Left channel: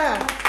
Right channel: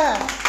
う。